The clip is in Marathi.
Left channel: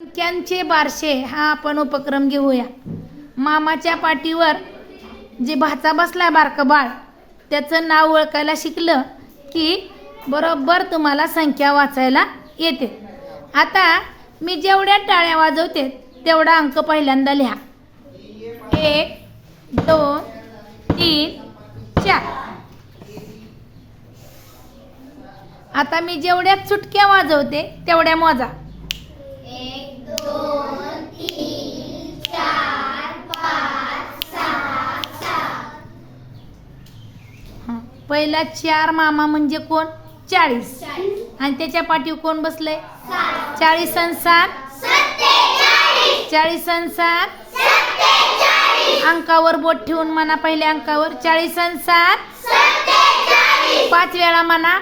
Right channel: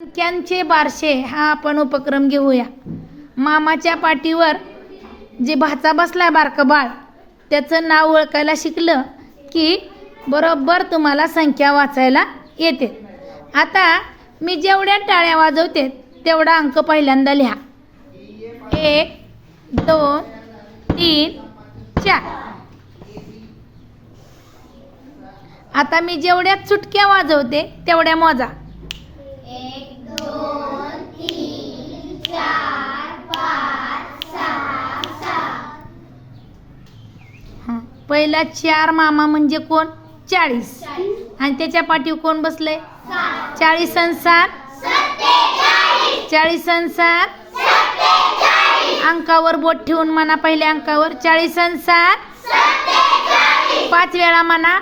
संख्यांचे बारशे हा आपण उपक्रम घेऊया। मामाच्या पाठीवर जे भाचा बसलाय बारकं बाळ त्याचं नाव ओळखायला शिकलं की बरोबर तुम्हाला संख्या वाचायला येते। आता मी जेवढ्या टाळ्या वाजवते तेवढा अंक पहिल्यांदा लिहा। 1 2 3 4। आता मी जेवढ्या चुटक्या वाजवते तेवढ्या मोजा। 1 2 3 4 5 6 7। पहिला 4 मामा म्हणजे कोण? 40। आणि त्याच्या पाठीवर कोण बसलंय? 40 आणि 7 47। 40 आणि 7 47। अंकावर बोट ठेवून म्हणा, पहिल्या अंकावर 40 आणि 7 47। 5 वेळा म्हणा।